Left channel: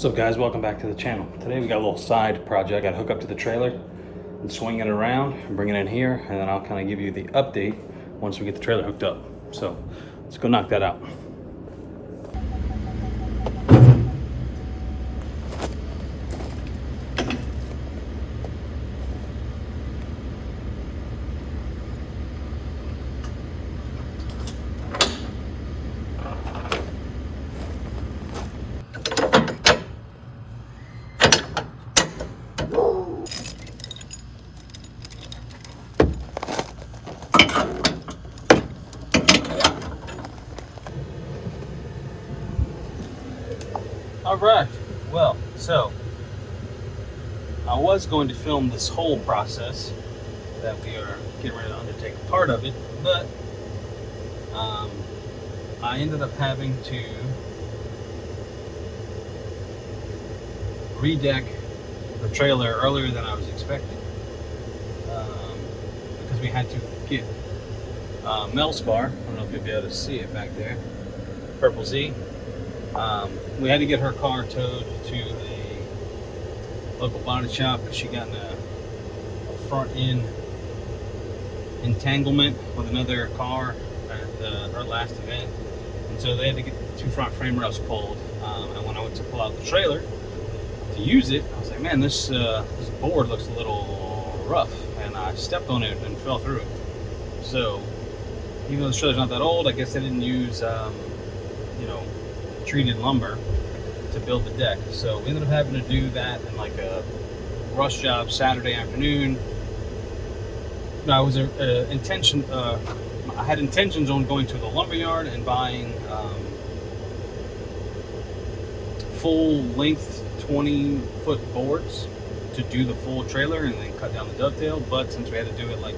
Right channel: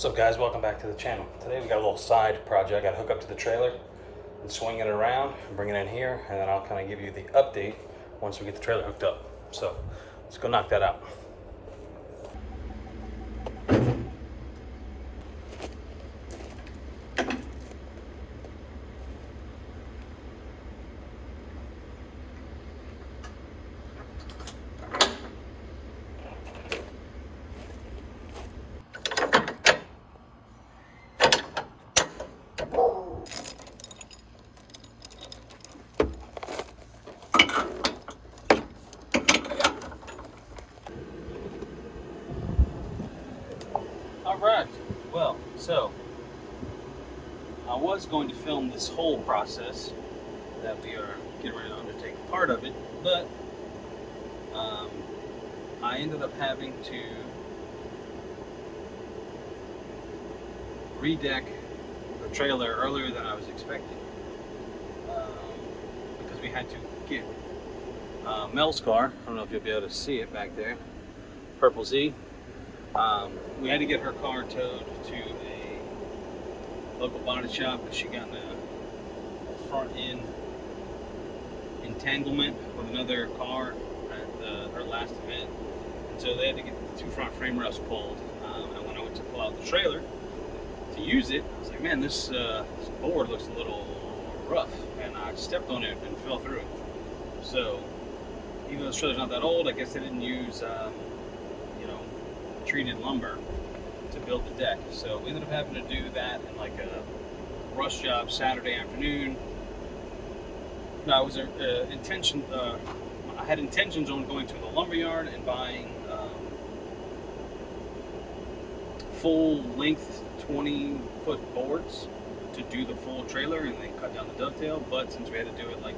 What's up guys, welcome back to the channel. Today we got a little side project. I hook up to the trailer and swing it around and bring it in here, and then I'll kind of give you the update once we get the trailer hooked up. So let's go knock that out. All right, well, so I was going to film this whole process that we are getting ready to undertake a part of it, but I ended up having to redeck the trailer earlier than I was expecting, because we had to get Mel's car. I don't know if you'll be able to see it back there, Purple Z. We had to get her car towed to a local body shop because she got in a front end entanglement with another car at her last event, and so they had to get the two front frame rails pulled. And when I went to pull out the trailer to use it, I was like, man, this board looks a little rough, and I stepped on it and fell through it. So even though the trailer's not that old, I guess they didn't use treated lumber to build the deck. So we ended up having to do that in like a rush job Saturday afternoon. I was I had intentions on going to the lumber yard and buying full length 20-foot boards to do the full trailer and then cut down the dovetail. But since we had to do it like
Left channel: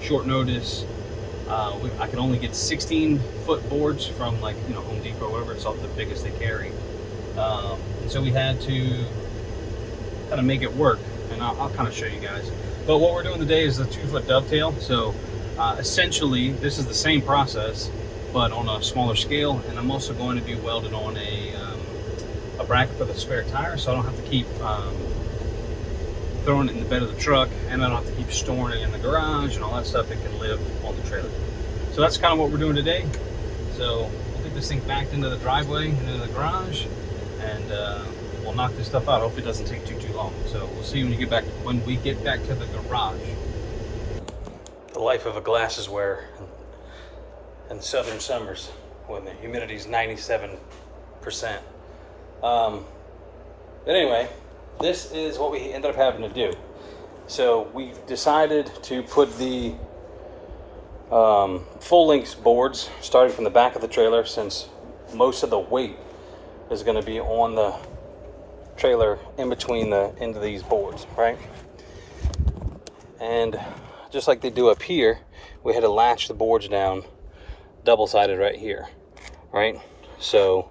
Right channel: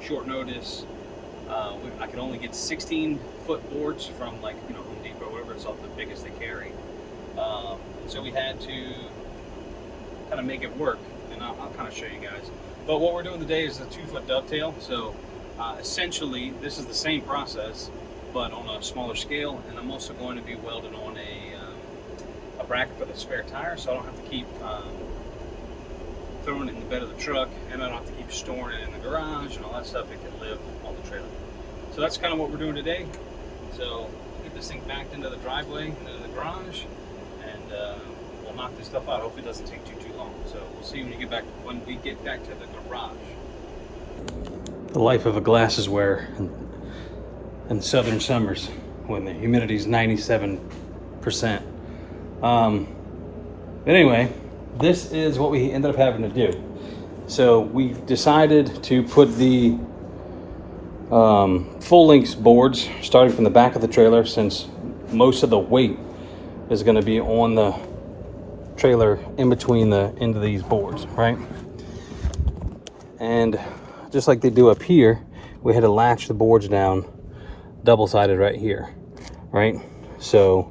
short notice, I could only get 16-foot boards from Home Depot or whatever. It's all the biggest they carry. And so we had to kind of make it work, and I'll kind of show you guys. But what we're doing today is the 2-foot dovetail. So essentially this is the same process but on a smaller scale, and I'm also going to be welded on a bracket for the spare tire, so I don't have to keep throwing it in the bed of the truck, and I don't have to keep storing it in the garage and all that stuff. It can live on the trailer. So that's kind of what we're doing today. So we'll get this thing backed into the driveway and into the garage, and we'll knock this stuff out. Hopefully it doesn't take too long. So we'll see when we get back to the garage. The life of a glasses wearer in southern summers when the humidity is 97%. Anyway, this is what we ended up having to do. So we decided to put the full length boards starting from the back of the trailer, since most of the weight is going to be on the trailer in between the end of these boards, right? And just like they do up here, we had to latch the boards down double-sided right here, right? So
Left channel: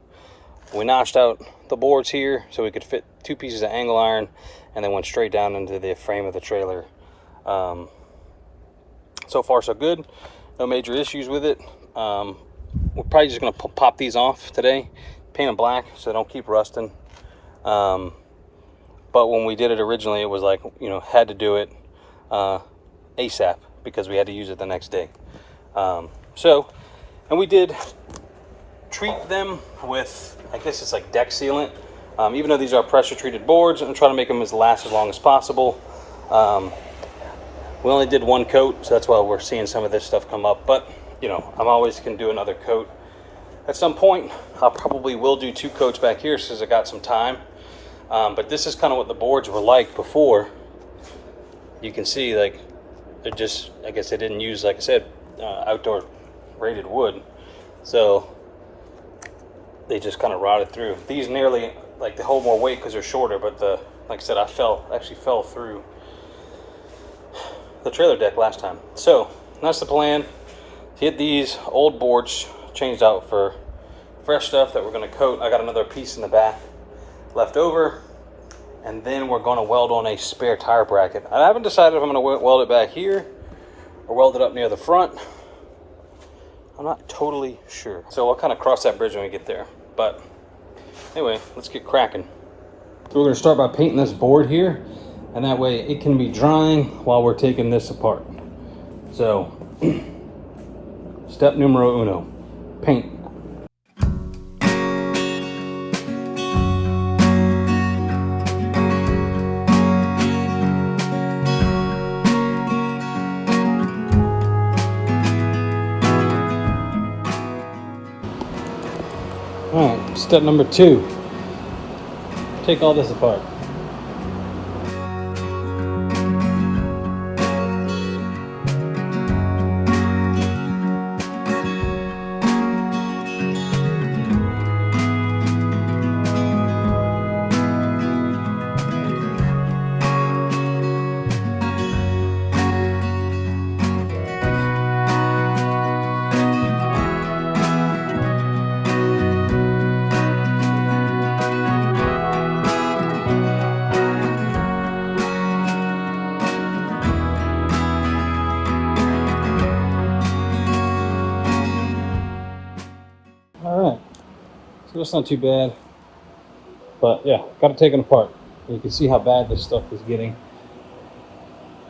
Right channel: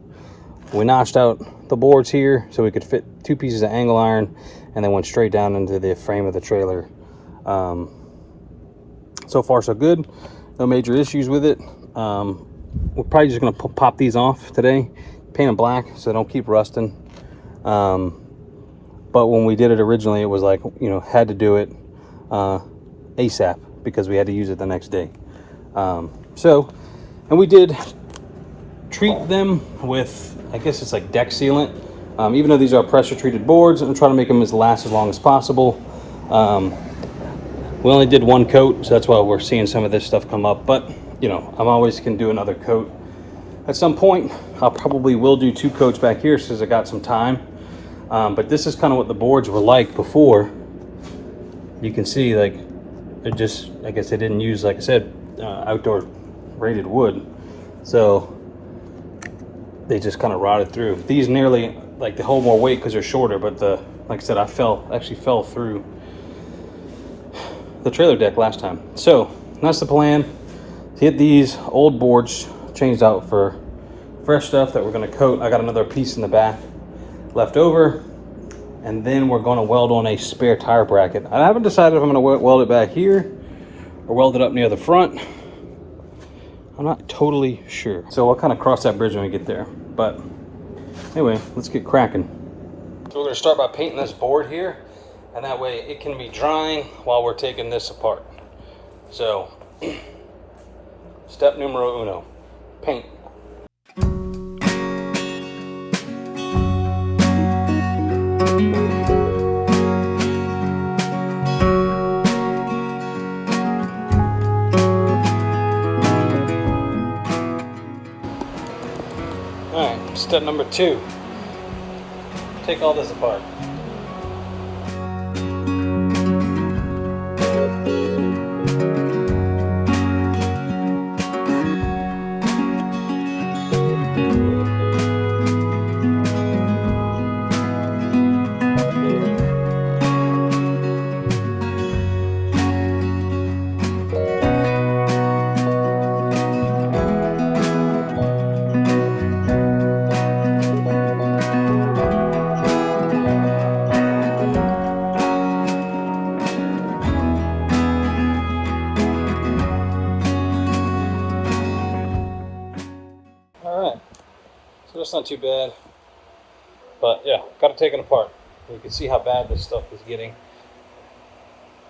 we notched out the boards here so we could fit 2 pieces of angle iron, and then went straight down into the frame of the trailer. So far so good, no major issues with it. We're probably just gonna pop these off today, paint them black so they don't keep rusting. But when we did it originally, it was like, had to do it ASAP because we had to use it the next day. And we did treat them with, I guess it's like deck sealant. Even though these are pressure treated boards, I'm trying to make them last as long as possible. We only did 1 coat, so that's why we're seeing some of this stuff come up. But I'm always can do another coat at some point. I probably will do 2 coats back here since I got some time. But this is kind of what the boards were like before. You can see, like, they're just, I guess they didn't use, like I said, outdoor rated wood, so they just kind of rotted through. These nearly, like, they hold more weight because they're shorter, but like I said, I actually fell through the trailer deck last time. So that's the plan, to get these old boards changed out for fresh stuff that we're going to coat. I got another piece in the back left over, and then we're going to weld on a spare tire bracket. I haven't decided if I'm going to weld it back here or weld it up near the front. I'm not totally sure, so we'll kind of cross that bridge when we get there. But anyway, let's get cracking. So we're going to start by painting this board here, and that way it can be drying while we're taking this apart. So, step numero uno, paint. Alright, step number two, take all this apart. So that's not too bad, but yeah, got to take it apart. And you can see how bad this stuff is getting.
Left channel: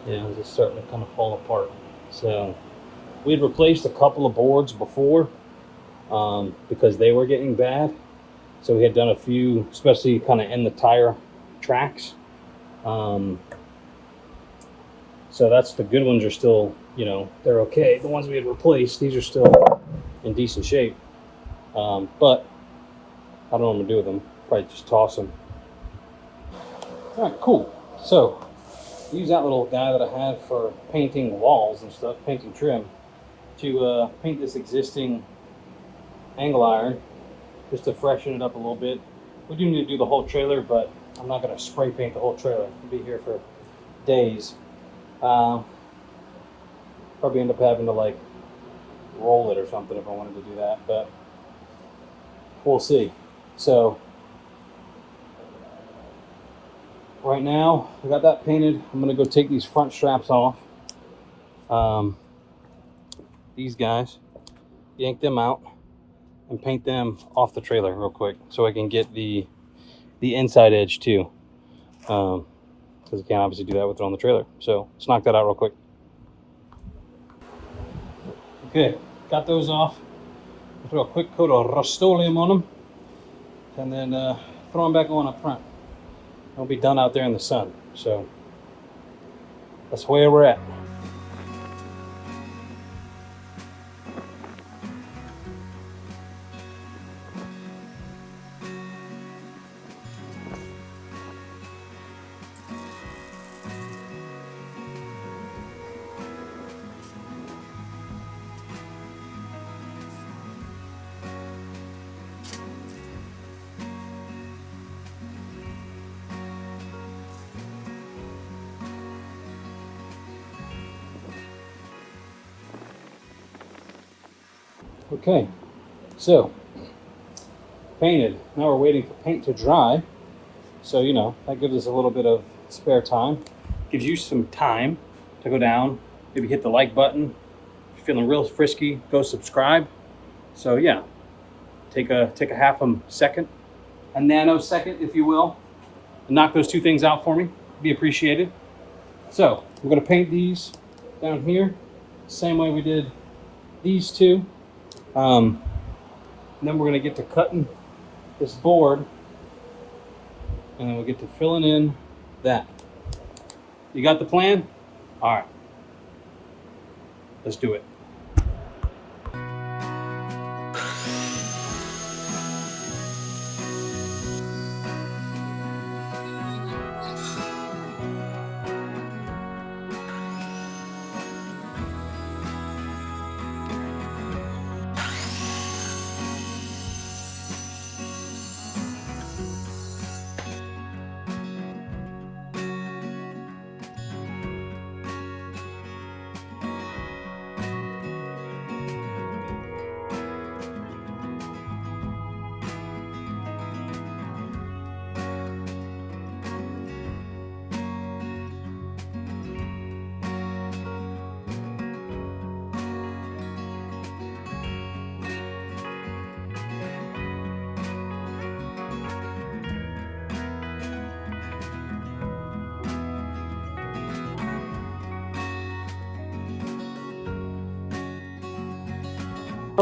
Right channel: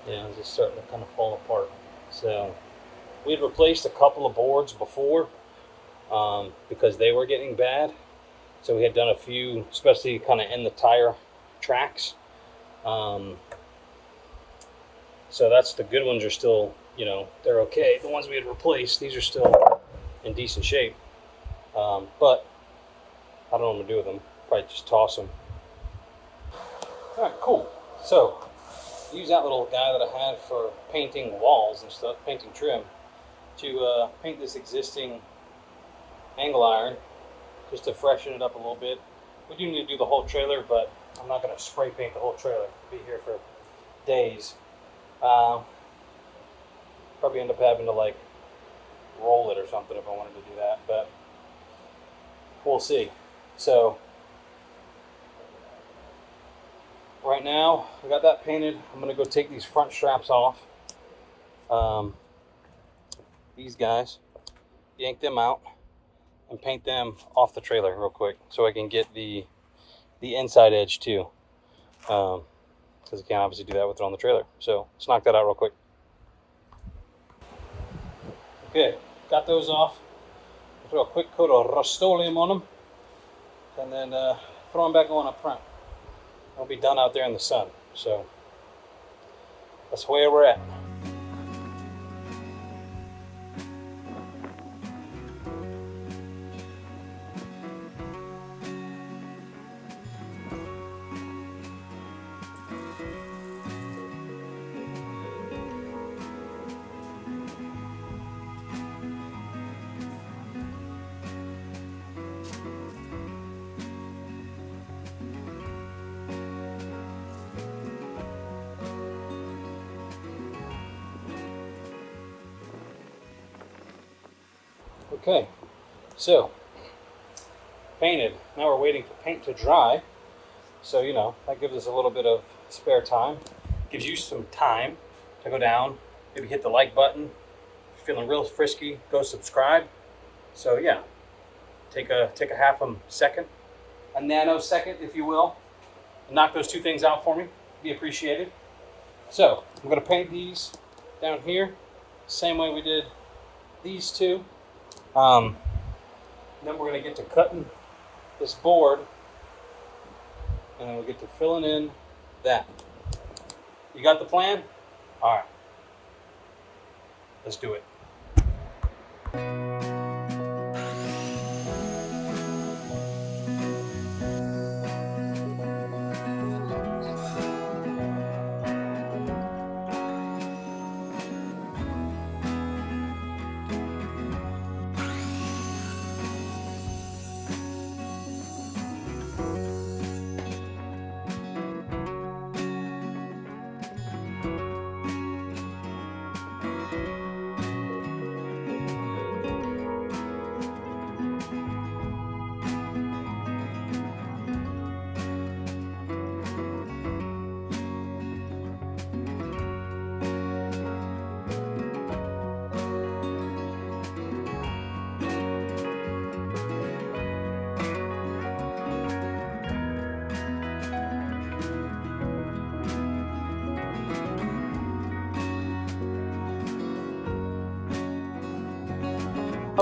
Yeah, it's just starting to kind of fall apart. So we had replaced a couple of boards before because they were getting bad. So we had done a few, especially kind of in the tire tracks. So that's the good ones are still, you know, they're okay. The ones we had replaced, these are still in decent shape. But I don't know what I'm gonna do with them. Probably just toss them. All right, cool. So use that little guy that I had for painting walls and stuff, painting trim, to paint this existing angle iron, just to freshen it up a little bit. We do need to do the whole trailer, but I'm not gonna spray paint the whole trailer. We'll be here for days. Probably end up having to like roll it or something if I wanted to do that, but we'll see. So right now I got that painted. I'm gonna go take these front straps off. These guys, yank them out and paint them off the trailer real quick so I can get the inside edge too, because I can't obviously do that with it on the trailer. So let's knock that out real quick. Okay, got those off. Throw a quick coat of Rust-Oleum on them, and then throw them back on up front. They'll be done out there in the sun. So that's where we're at. Okay, so painted. Now we're waiting for paint to dry. So, you know, that gives us a little bit of spare time. Gives you some time to go down, maybe hit the like button. If you're feeling real frisky, go subscribe. So yeah, take a half a second, a nanosecond, if you will, and knock those two things out for me. Be appreciated. So I'm gonna paint these down here, same way we did these two. And then we're gonna get to cutting this board, and then we'll get to filling in that. You got the plan? All right, let's do it.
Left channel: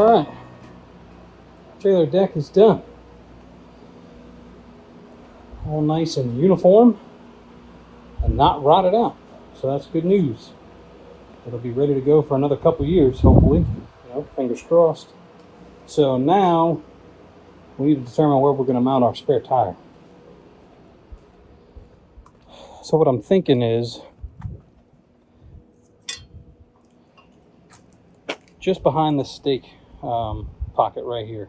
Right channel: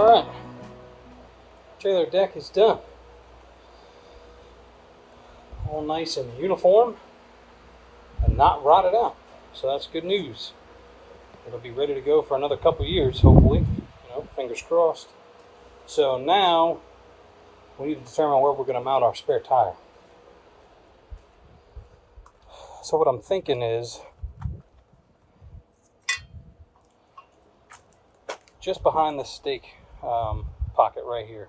All right, trailer deck is done. All nice and uniform and not rotted out. So that's good news. It'll be ready to go for another couple years, hopefully. Fingers crossed. So now we need to determine where we're going to mount our spare tire. So what I'm thinking is just behind the stake pocket right here.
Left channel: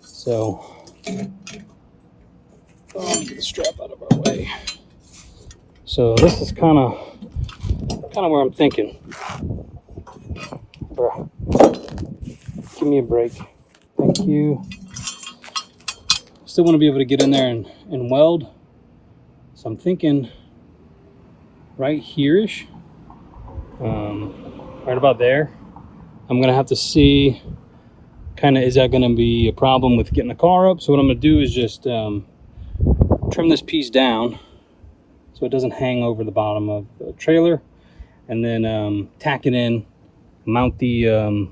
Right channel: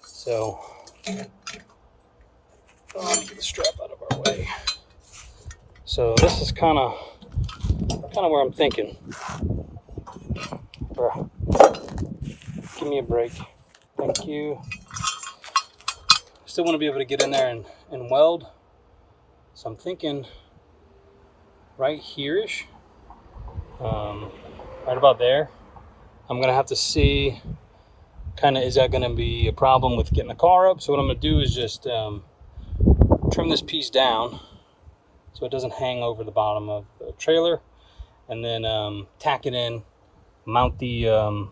So get the strap out of our way. So this is kind of where I'm thinking. Give me a break. Thank you. Still want to be able to get in there and weld. So I'm thinking right here-ish, right about there. I'm gonna have to see kind of, is that gonna be a problem with getting the car up? So what I'm gonna do is just trim this piece down so it doesn't hang over the bottom of the trailer, and then tack it in, mount the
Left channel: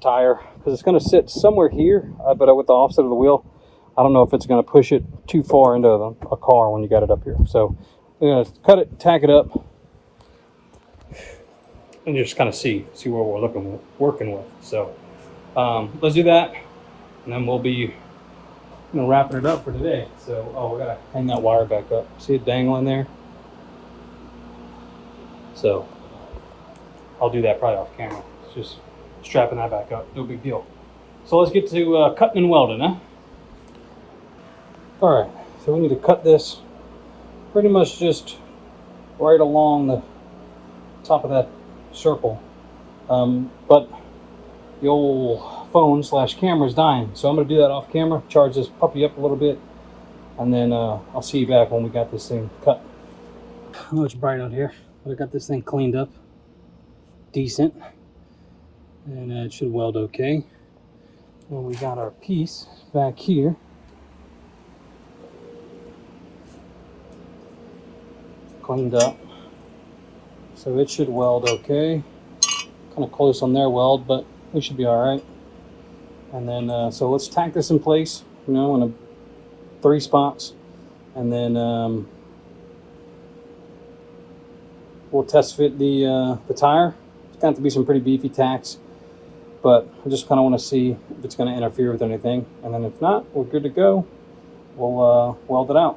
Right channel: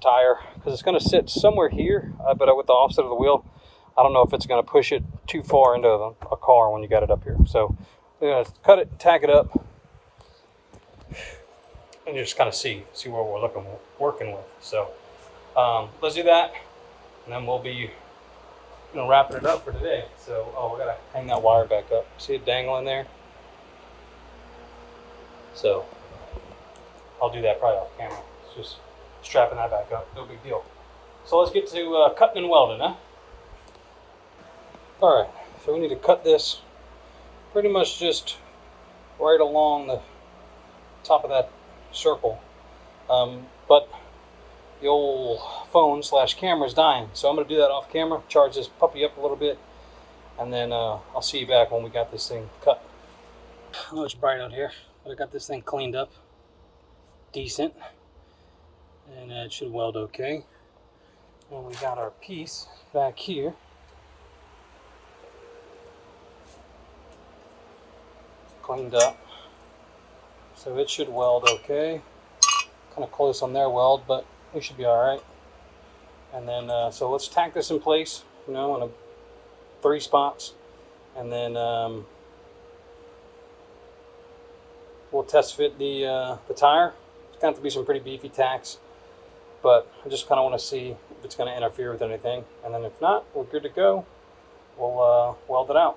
tire, because it's going to sit somewhere here, but with the offset of the wheel, I don't know if it's going to push it too far into a car when you got it up here. So I'm going to cut it, tack it up, and just kind of see where we're working with. So let's do that, and then we'll be wrapping it up for today. So we gotta hang that wire back up. See it dangling there? So I'll do that probably off camera. It's just strapping that back up, no big deal. So let's get to cutting and welding, huh? All right, so we need to cut this pretty much just right along the top of that circle. But the old phone / camera is dying, so I'm gonna do that off camera, charge this puppy up a little bit, and then I'll see you back when we got this thing cut. I know it's bright out here, but I got this thing cleaned up decent, and it should weld okay. And we got our piece back here. Cleaned up, so it should weld okay. Kind of close on their weld, but we should be all right. And then so let's tack this in place, in 3 spots, and then we'll test fit the tire. It's going to have to be some pretty beefy tacks, but I just kind of want to see if it's going to interfere with anything, and then if not, we're good to go. We'll weld it out.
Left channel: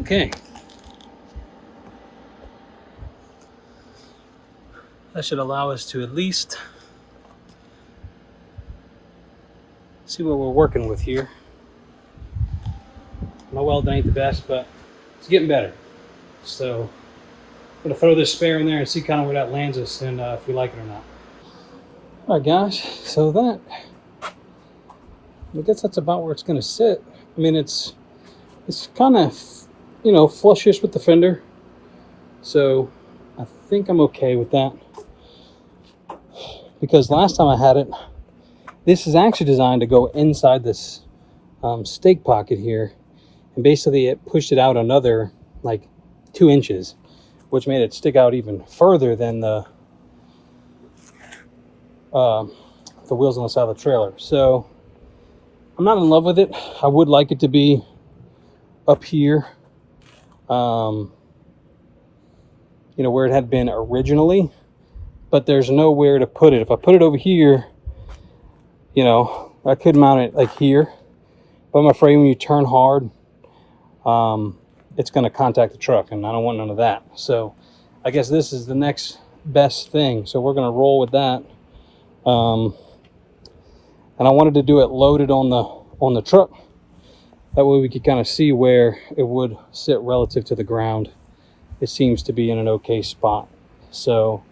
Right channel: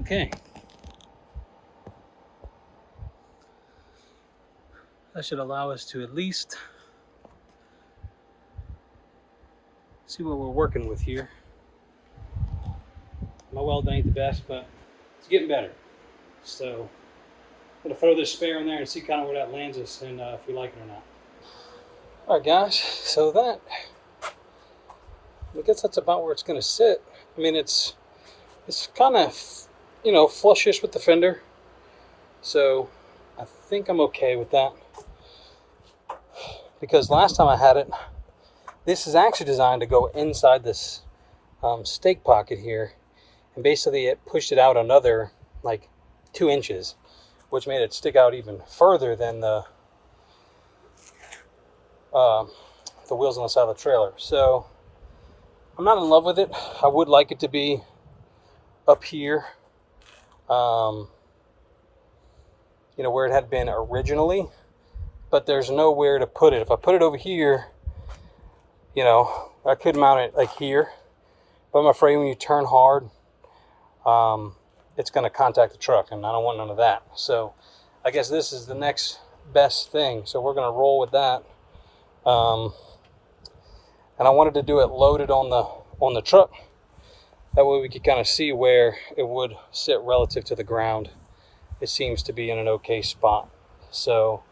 Okay. That should allow us to at least see what we're working with here. My welding ain't the best, but it's getting better. So I'm gonna throw this spare in there and see kind of where that lands us, and if we like it or not. All right, guys. So I guess that's about where it's gonna sit. I mean, it's kind of flushish with the fender, so I think I'm okay with that. Because last time I had it, this is actually designed to go inside this stake pocket here, and basically it pushed it out another like 2 inches, which made it stick out even further than the wheels on the side of the trailer. So I'm not in love with it. I would like it to be up here, where it had been originally, but there's nowhere to put it. If I put it over here, I could mount it like here, but I'm afraid when you turn hard, it's going to contact the truck, and I don't want none of that. So I guess this is the next best thing. So we're going to roll with that. And I wanted to do it loaded on the truck. That way we could kind of see where it would sit relative to the ground. It seems to be in an okay spot. So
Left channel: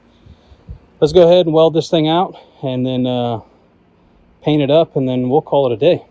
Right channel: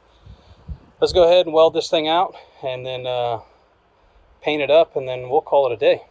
let's go ahead and weld this thing out, and then paint it up, and then we'll call it a day.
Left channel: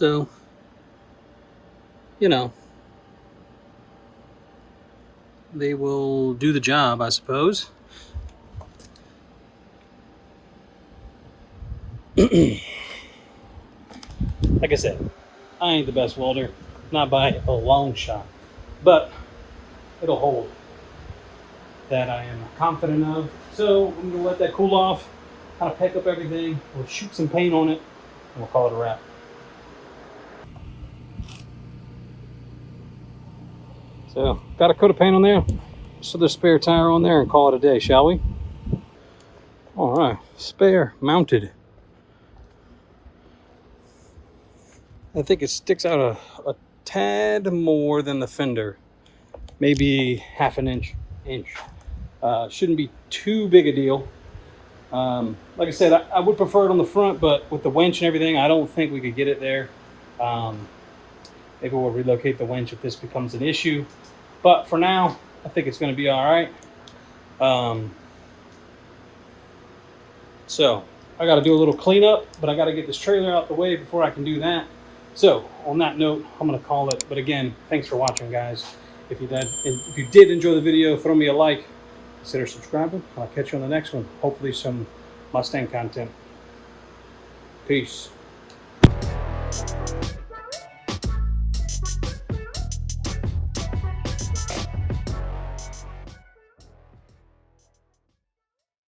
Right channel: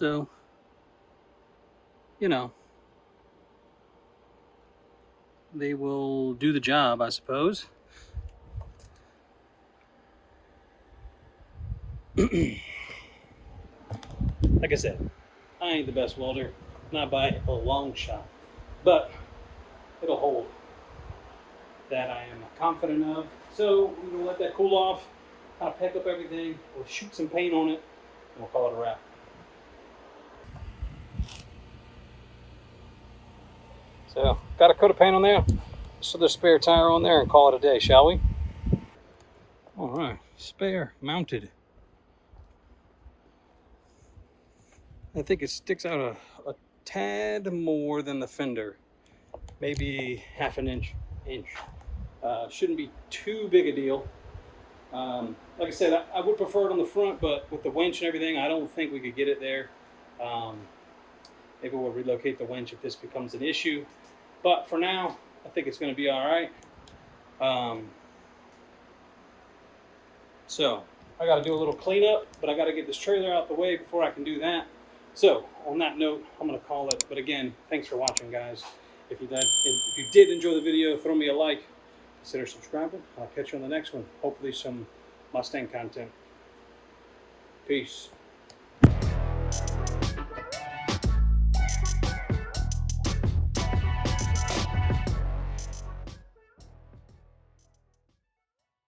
So, you know, they will do the job, I suppose. Like I said, I ain't the best welder, not by a long shot, but it'll hold. That I am confident of. So I'm gonna let that cool off, kind of pick up everything. We'll shoot some paint on it, and we'll call it a wrap. So got a coat of paint on there, so the spare tire on there, and call it a day, shall we? All right, spare mounted. I think it sticks out a tad more than the fender, maybe half an inch. Shouldn't be too big a deal. Like I said, I would prefer it on the front, but with the winch and everything, I don't think we could get it there. Maybe we'll relocate the winch if this becomes an issue. But for now, I think it's going to be all right. So I got to do a little cleanup, but I got to get this trailer out the way before I can do that. So on that note, I'm going to call it. But again, thanks for watching, guys. If you did enjoy the video, throw me a like. Consider subscribing. I'll catch you on the next one. Hopefully some Mustang content. Peace.